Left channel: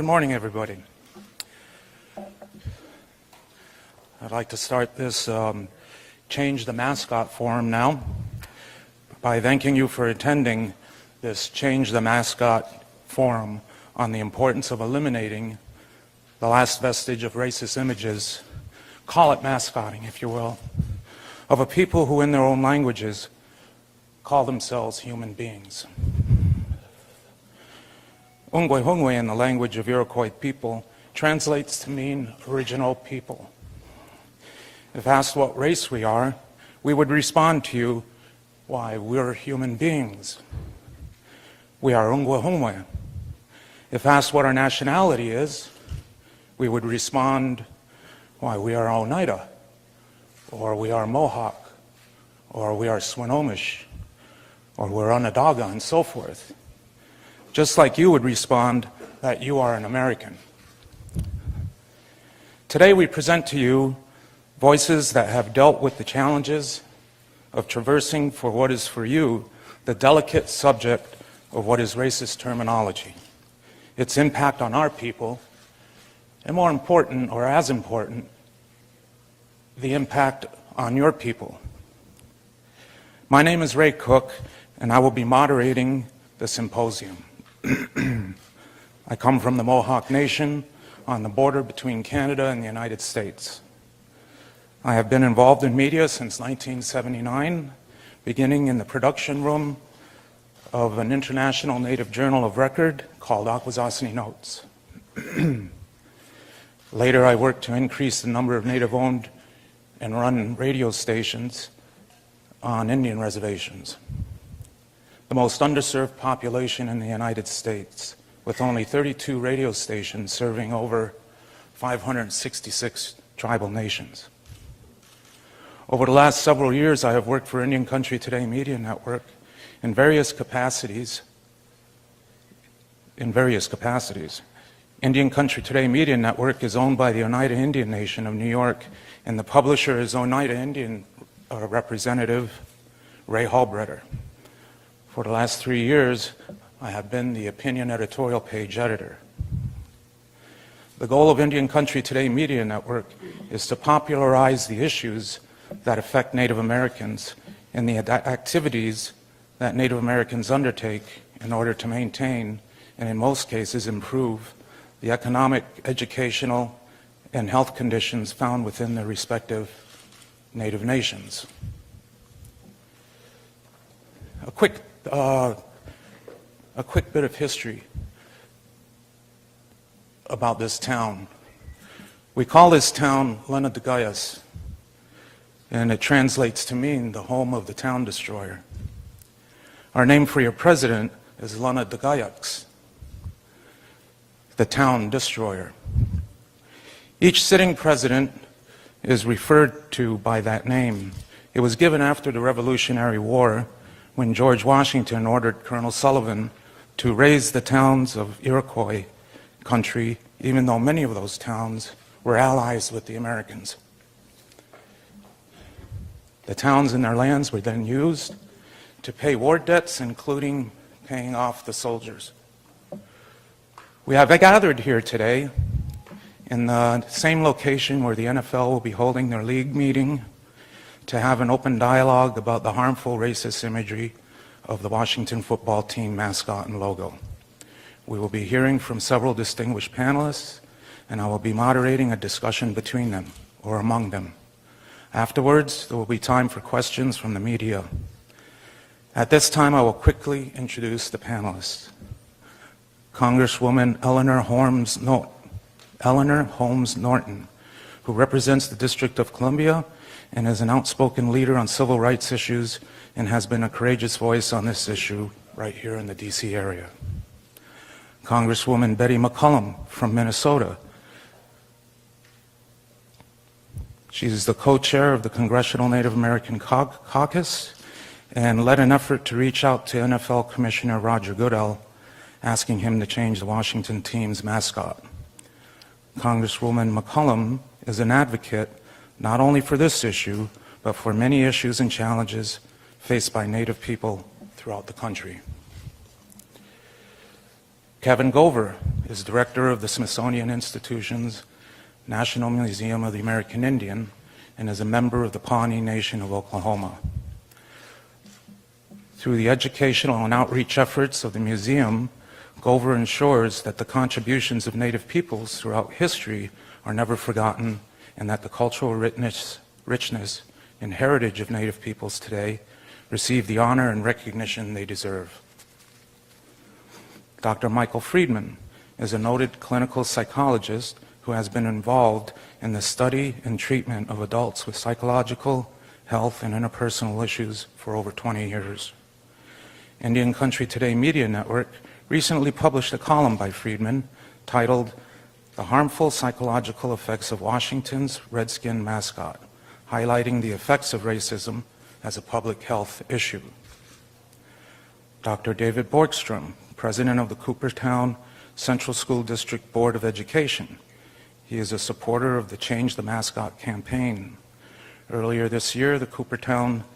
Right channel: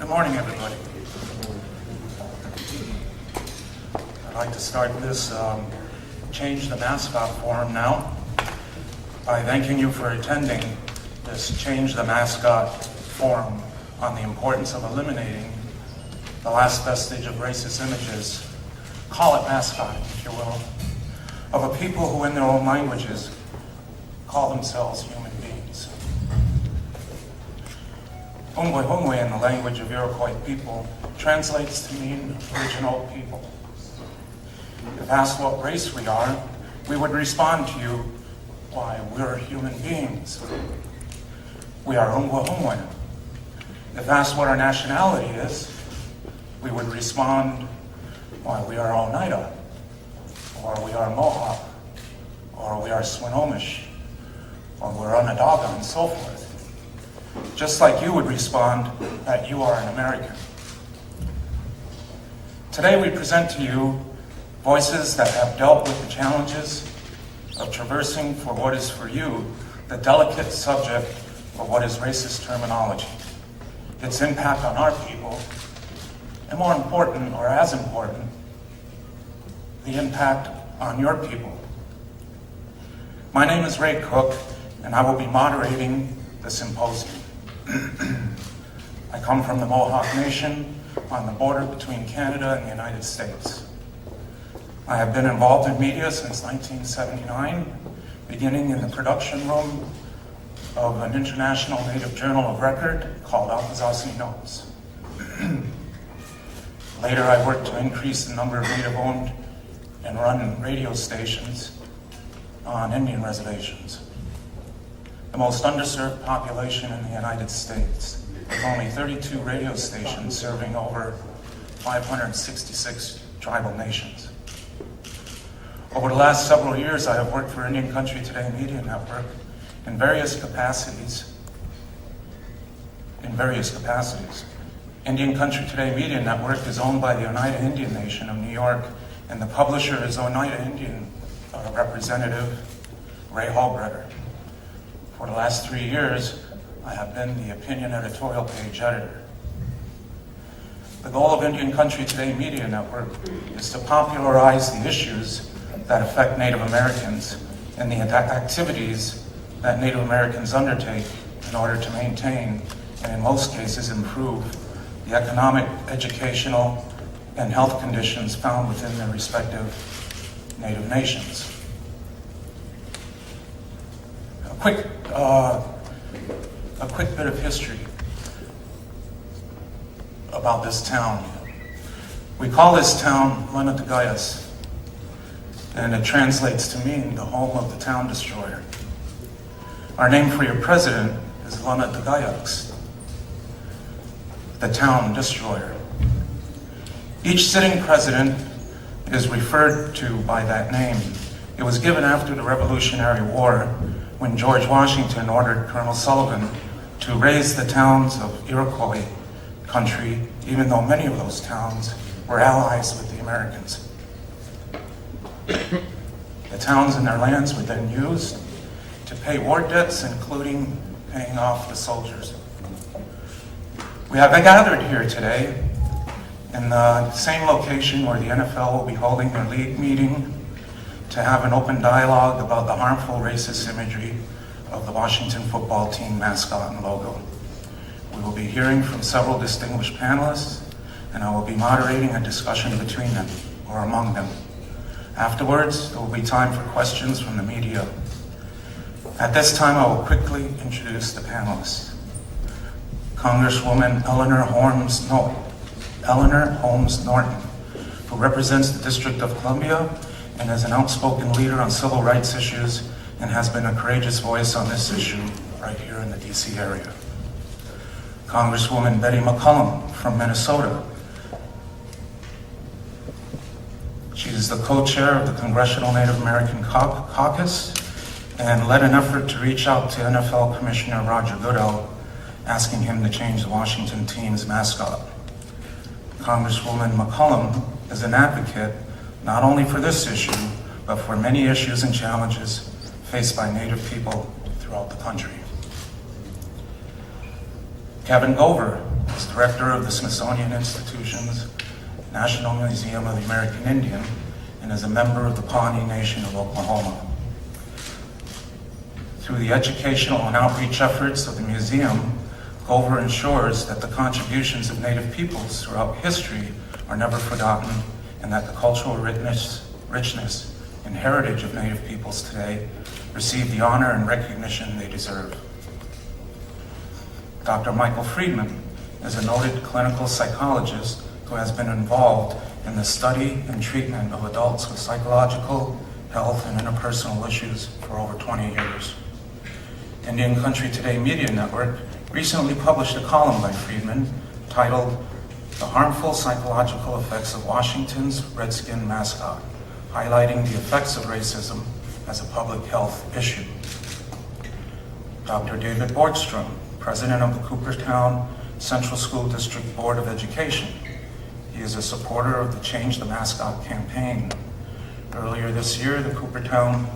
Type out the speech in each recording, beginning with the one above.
Good morning, everybody. I'd like to start this Change the Mascot forum now by thanking you for attending this Change the Mascot forum on the importance of eliminating the last vestige of racist images, call it mascotting, if you will, of a people who in their own languages call themselves human beings. Ungwe Hungwe in the language of Iroquois people translates to mean original people. If asked what race we are, we would respond to you, why, we're human beings. We are Ungwe Hungwe. If asked what our nationality is, we would respond, why, we are Oneida, or we are Mohawk, or we are Swinomish, or we're Onondaga, and so forth. Just like you would respond that you are an American. Today we present to you voices that have dealt with the challenges of traversing for what is for you the delicate subject of what is racist terminology, its impact on our people, and more important, or as important, the impact on your people. My name is Ray Cook, and I will be moderating the symposium. I come from the Mohawk Nation on the border between Canada and the United States. I have been involved in media since 1979, beginning in the production room of an international Native journal of record called Akwesasne Notes. Later, I worked to increase the number of Native-owned and run radio stations on Indian reservations, the most underserved population in the United States, with only 32 radio stations serving over 566 tribal nations. Over the last several years, I have worked for Indian Country Today Media Network in various capacities. Indian Country Today Media Network is owned by the Oneida Indian Nation of New York, and the publisher is Oneida Indian representative Ray Halbritter. For the last 3 years, I have been the opinion editorial page editor. The goal of Indian Country Today Media Network is to popularize the issues that affect Native Americans and the activities that Native Americans undertake in order to maintain, and in most cases improve, the economic, educational, and health conditions found within their respective Native nations. A quick bit of history about this town. We call this town Lenadagayas, and it translates to mean the home of the town destroyer. Our name for your president is Lenadagayaks, the town destroyer. Each sitting president is referred to by that name. It was given after the Revolutionary War, when George Washington ordered Colonel Sullivan to raise the towns of Iroquois country, even though many of those towns were allies with the Americans. The towns and their lands were then used to pay war debts, including paying off the soldiers. We have gathered here today in the same location where the NFL will be holding their league meeting to have an open dialogue about the harmful racist imagery of the Washington football team mascot and logo. We will be hearing from several distinguished panelists, and I will be moderating a discussion between them, or among them. Afterwards, there will be time for questions from the media. At this time, I will quickly introduce the panelists. Congresswoman Eleanor Holmes Norton, who represents the District of Columbia and is an outspoken leader on civil rights issues and has been a courageous voice on this issue right here in the D.C. area. Congresswoman Betty McCollum from Minnesota. She's the co-chair of the Congressional Native American Caucus and led an effort to reach out to NFL Commissioner Roger Goodell, asking him to change the Washington team's mascot. Congresswoman McCollum is an advocate not only for this issue, but for many issues and challenges faced by Native people throughout the country. Kevin Gover is director of the Smithsonian Institution's National Museum of the American Indian, and is a member of the Pawnee Nation of Oklahoma. Through the educational and outreach efforts of the museum, Gover ensures that the contributions of Native peoples throughout history are never forgotten, and that the cultural richness and heritage of Native peoples today receive the honor and recognition they deserve. Dr. Michael Friedman is a noted clinical psychologist who has been involved in the study and treatment of adults with psychological, health, and interpersonal issues for over 20 years. Indian Country Today Media Network recently published a column by Friedman titled "The Harmful Psychological Effects of Washington's Redskin Mascot," highlighting the effects of racism as a public health issue. Dr. David Borgstrom, president of the Cooperstown Central School District Board of Education. He is a supporter of the Change the Mascot campaign. Earlier this year, the Cooperstown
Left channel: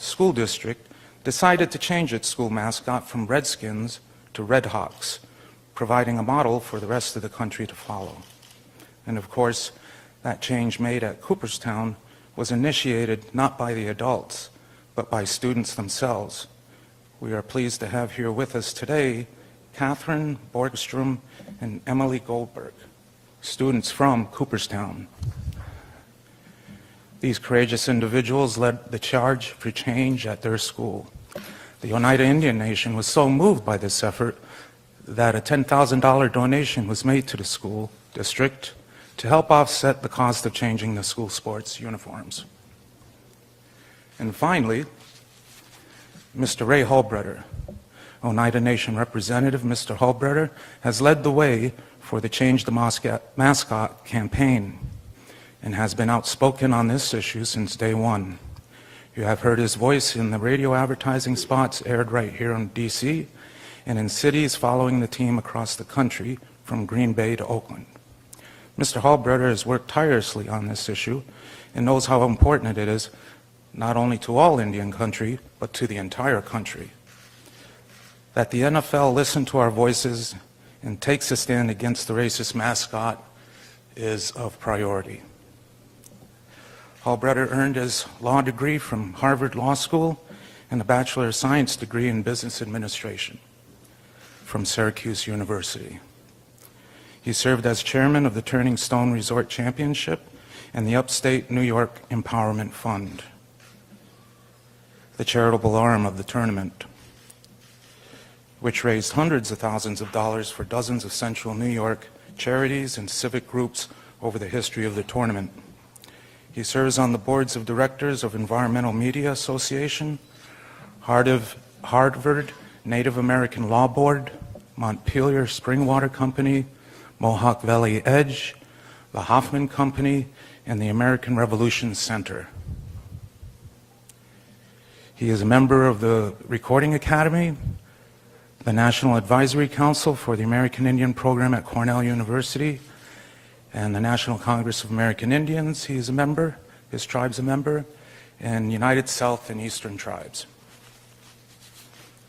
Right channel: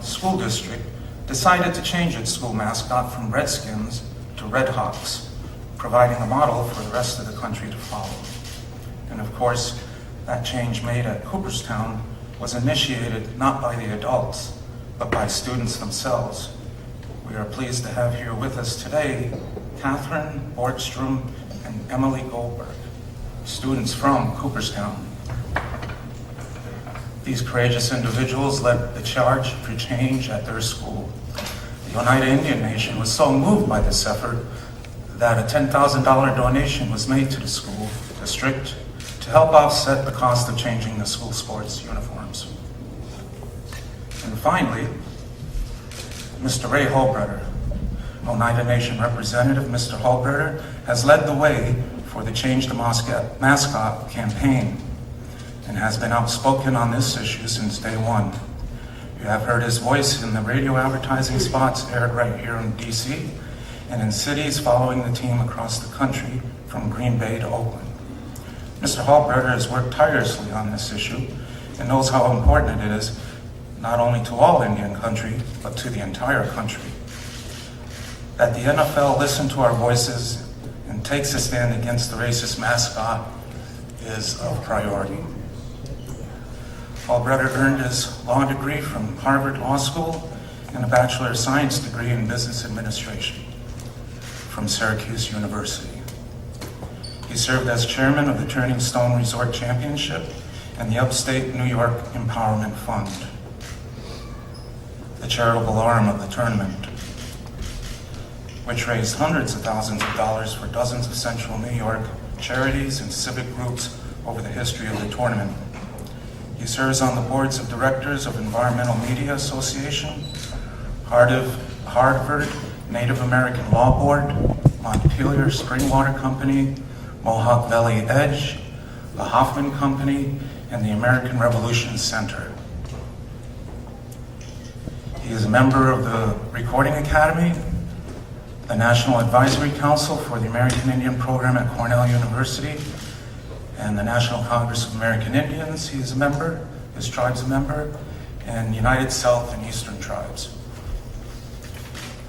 School District decided to change its school mascot from Redskins to Redhawks, providing a model for the rest of the country to follow. And of course, that change made at Cooperstown was initiated not by the adults, but by students themselves. We are pleased to have here with us today Catherine Borgstrom and Emily Goldberg, students from Cooperstown. These courageous individuals led the charge for change at their school. The Oneida Indian Nation was so moved by this effort that a $10,000 donation was made to the school district to help offset the cost of changing the school sports uniforms. And finally, Mr. Ray Halbritter, Oneida Nation representative. Mr. Halbritter has led the way for the Change the Mascot campaign and has been outspoken on this issue since day one. You have heard his voice in the radio advertising spots aired right here in D.C. and in cities following the team across the country from Green Bay to Oakland. Mr. Halbritter has worked tirelessly on this issue and knows how important it is not only to all Indian country, but to the entire country. That the NFL listen to our voices and takes a stand against the racist mascot is a priority. Halbritter earned his law degree from Harvard Law School and a Bachelor of Science degree in Business Administration from Syracuse University. He served as chairman of the Turning Stone Resort Championship and the Upstate New York Empowerment Fund, the charitable arm of the tournament, which raised hundreds of thousands of dollars for dozens of Central New York charities and civic groups over the history of the tournament. He serves on the boards of directors of Environmental Media Association, Harvard Native American Law Board, Montpelier Springwater Company, Mohawk Valley Edge, the Hoffman Company, and the American Revolution Center. He is a member of the Recording Academy, the National Advisory Council for the American Indian Program at Cornell University, and the National Congress of American Indians. He's a member, his tribe's a member, and United South and Eastern Tribes.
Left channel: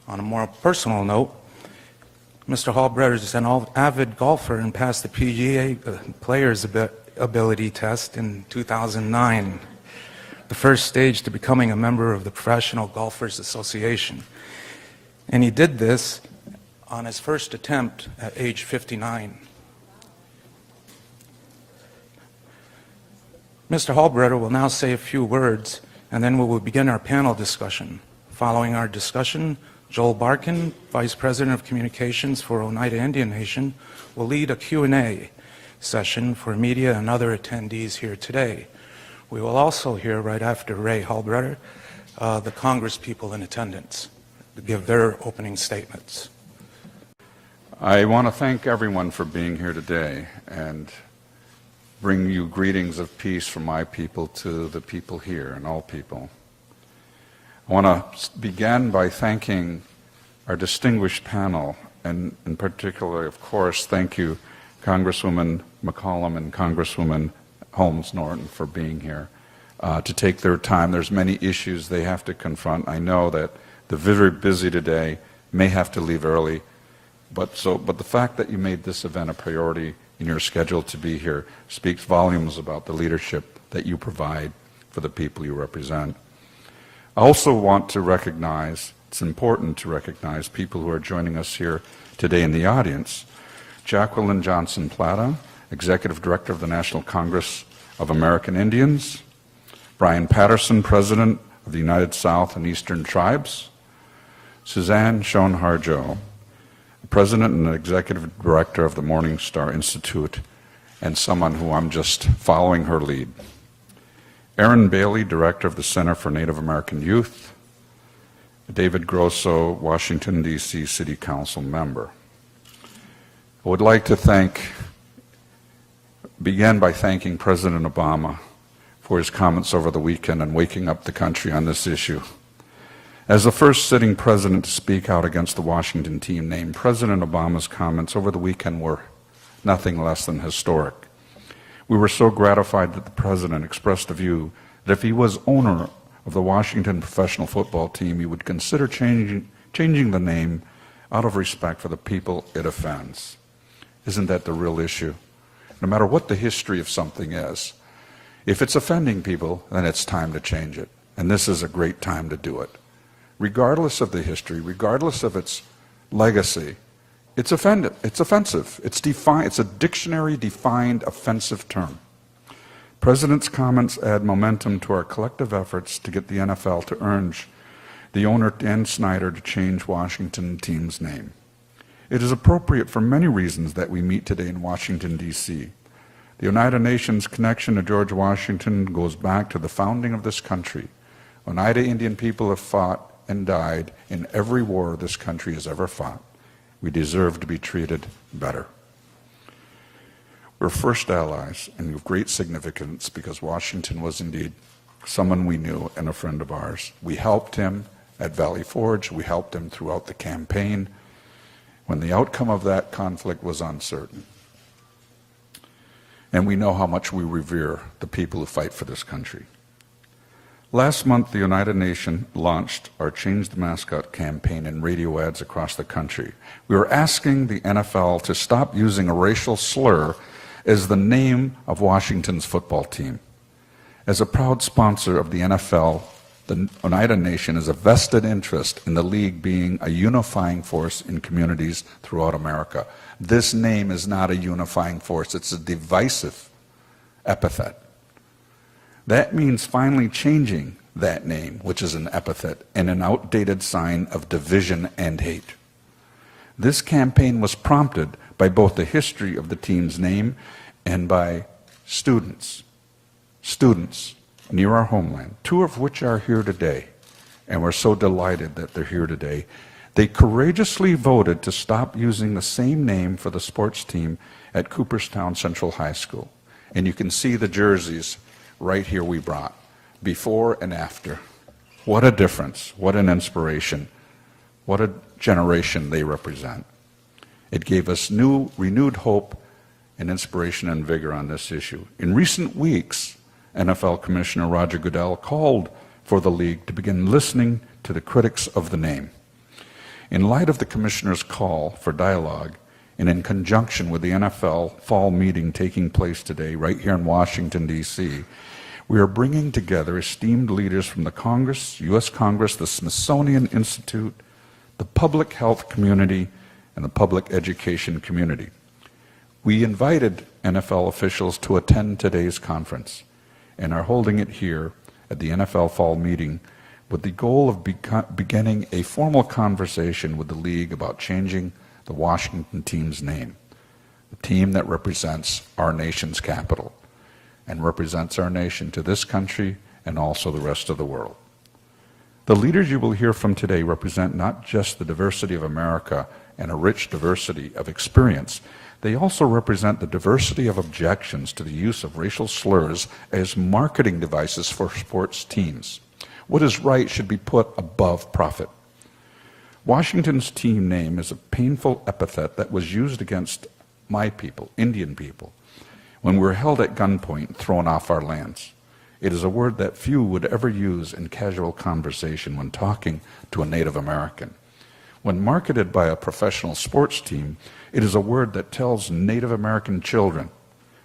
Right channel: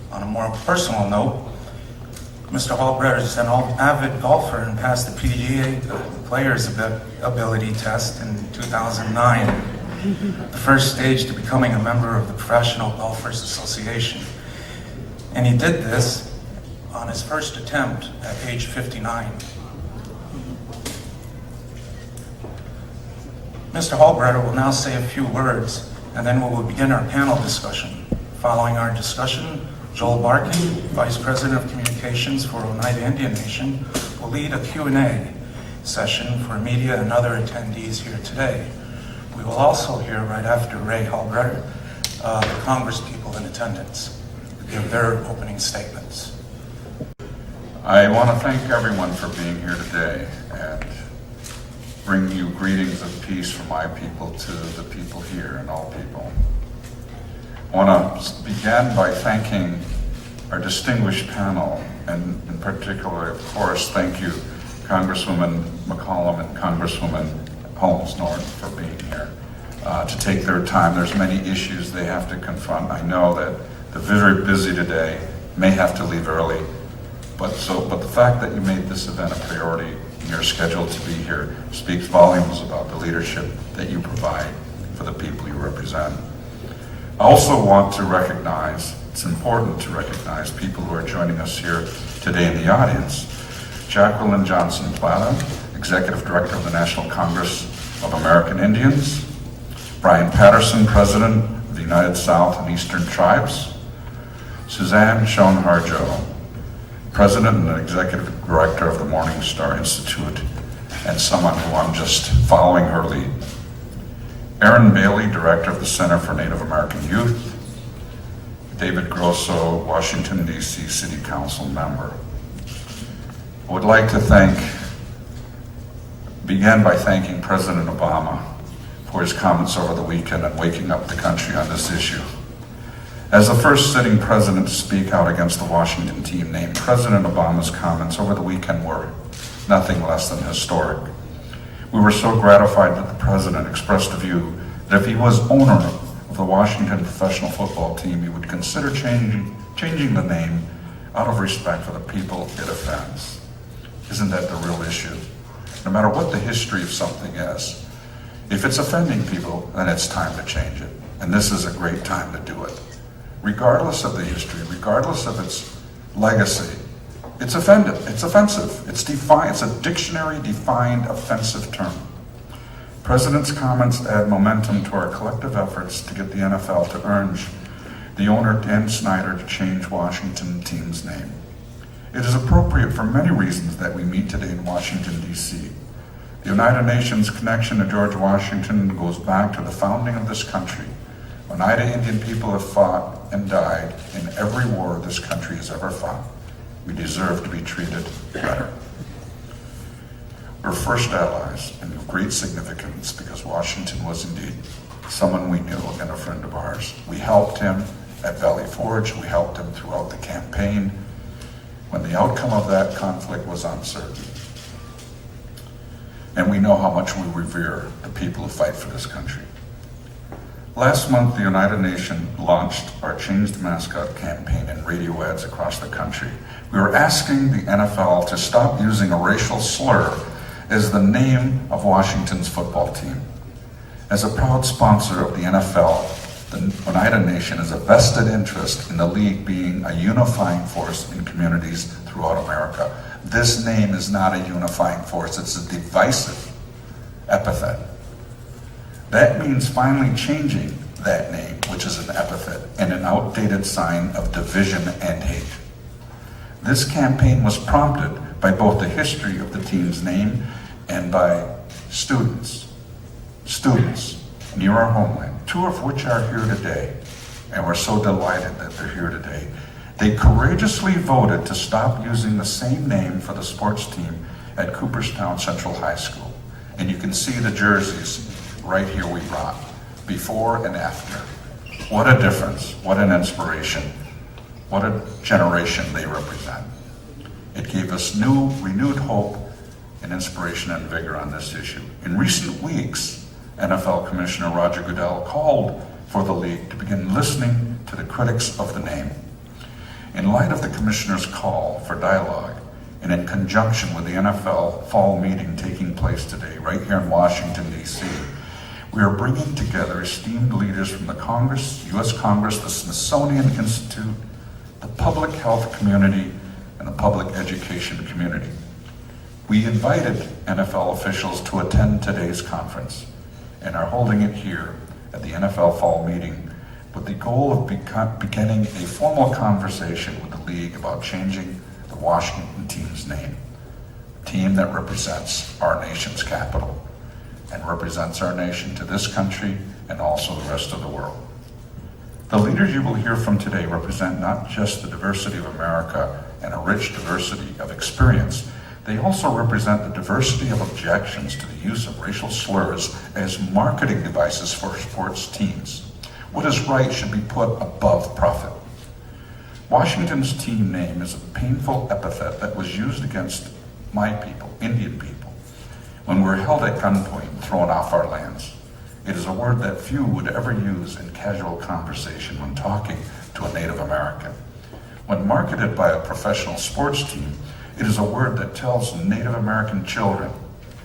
On a more personal note, Mr. Halbritter is an avid golfer and passed the PGA, the Players Ability Test, in 2009, the first stage to becoming a member of the Professional Golfers Association. And he did this on his first attempt at age 59. Mr. Halbritter will now say a few words, and then we will begin our panel discussion. Following our discussion, Joel Barkin, Vice President of Communications for Oneida Indian Nation, will lead a Q&A session for media and other attendees here today. We will also hear, right after Ray Halbritter, the Congress people in attendance to give their opening statements. I want to thank everyone for being here today and bring you greetings of peace from my people to the people here and all people. I want to begin by thanking our distinguished panel, and in particular, of course, thank you, Congresswoman McCollum and Congresswoman Holmes-Norton, for being here to take their time. There's many issues they have to confront. I know that they're very busy today, may have to leave early, But the fact that you made this event a priority and you're scheduled to be here speaks volumes about the leadership that you provide for the people you represent. I also want to recognize, it's important to recognize people who are joining us here today in the audience. Jacqueline Johnson Plata, Executive Director of the National Congress of American Indians. Brian Patterson, President of the United South and Eastern Tribes. Suzanne Schoen-Harjo, President and Executive Director of the Morning Star Institute, and someone who I'm just following her lead. Aaron Bailey, Director of the Center for Native American Youth. David Grosso, Washington, D.C. City Council member. I would like to begin by thanking President Obama for his comments over the weekend and waking up the country on this issue. As the first sitting president to speak out against the Washington team name, President Obama's comments over the weekend were nothing less than historic. We were so gratified that the president expressed the view that if he was owner of the Washington professional football team, he would consider changing the name out of respect for the people it offends. Isn't that the real issue? No matter what the history of something is, if it's offending people, then it's time to change it. And this is a great time to do it. Regardless of the history, regardless of its legacy, it's offensive. It's a dictionary-defined offensive term. President's comments add momentum to our collective efforts to get the NFL to urge the owner, Dan Snyder, to change Washington team's name. It is appropriate for many reasons that we meet today in Washington, D.C. The Oneida Nation's connection to George Washington goes back to the founding of this country. Oneida Indian people have fought and died in every war this country has ever fought. We deserve to be treated better. We're first allies and of great significance because Washington was indeed someone we knew and a friend of ours. We helped him at Valley Forge. We helped him throughout the campaign when the outcome of that conflict was uncertain. And we know how much we revere the people who fight for this country. Last month, the Oneida Nation launched our Changed Mascot campaign in radio ads across the country. We are asking the NFL to stop using a racial slur as the name of Washington's football team. As a proud sponsor of the NFL, the Oneida Nation has a vested interest in the league being a unifying force in communities throughout America. This name is not a unifying force, it's a divisive epithet. That means finally changing that name, which is an epithet and an outdated sign of division and hate. This campaign was prompted by both the history of the team's name and by students near our homeland, two of which are here today, and we're so delighted that they're here today. They courageously voted to stop using the same name for the sports team at Cooperstown Central High School. And you can see the jerseys right here we brought, before and after. What a difference, what an inspiration, what a generation they represent. It gave us renewed hope and inspiration and vigor on this issue. In recent weeks, NFL Commissioner Roger Goodell called for the league to begin listening to the critics of the name. In light of the commissioner's call for dialogue, and in conjunction with the NFL fall meeting taking place today right here in Washington, D.C., we are bringing together esteemed leaders from the Congress, U.S. Congress, the Smithsonian Institute, the public health community, and the public education community. We invited NFL officials to attend today's conference and are holding it here at the NFL fall meeting with the goal of beginning a formal conversation with the league about changing the Washington team's name, a team that represents our nation's capital and represents our nation to this country and also the rest of the world. The leaders you will hear from today represent not just the diversity of America and a rich diversity of experience, they also represent the diversity of objections to the use of racial slurs as marketing devices for sports teams. What is right should be put above profit. Washington's team name is a painful epithet that was used against my people, Indian people, when we were held at gunpoint and thrown off our lands. It is a word that few would ever use in casual conversation when talking to a Native American. When marketed by a professional sports team, it is a word that tells Native American children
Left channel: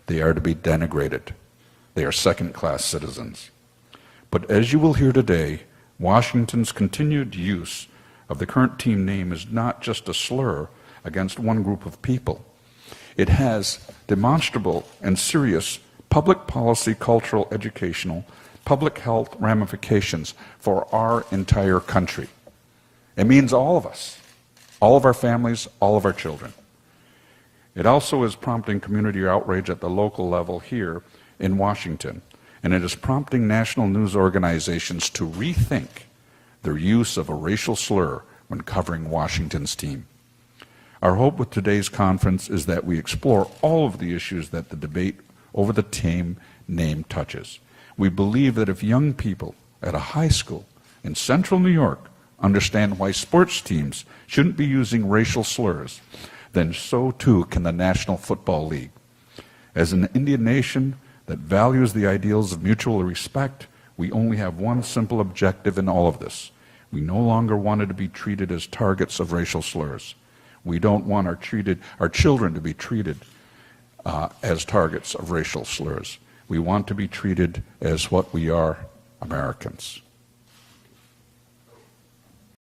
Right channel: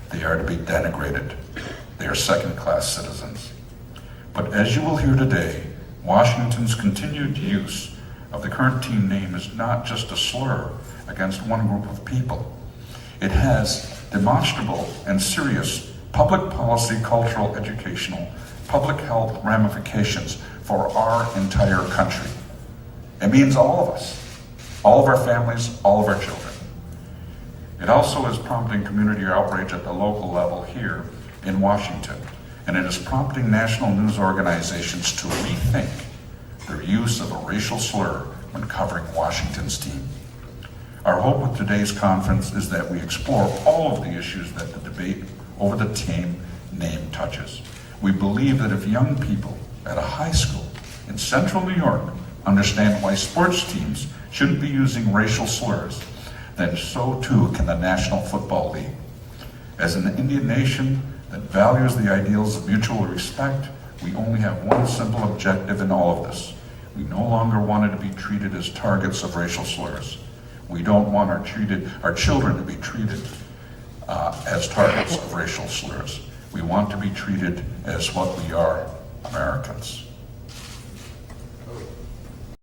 they are to be denigrated. They are second-class citizens. But as you will hear today, Washington's continued use of the current team name is not just a slur against one group of people. It has demonstrable and serious public policy, cultural, educational, public health ramifications for our entire country. It means all of us, all of our families, all of our children. It also is prompting community outrage at the local level here in Washington, and it is prompting national news organizations to rethink their use of a racial slur when covering Washington's team. Our hope with today's conference is that we explore all of the issues that the debate over the team name touches. We believe that if young people at a high school in central New York understand why sports teams shouldn't be using racial slurs, then so too can the National Football League. As an Indian nation that values the ideals of mutual respect, we only have one simple objective in all of this. We no longer want to be treated as targets of racial slurs. We don't want our children to be treated as targets of racial slurs. We want to be treated as what we are, Americans.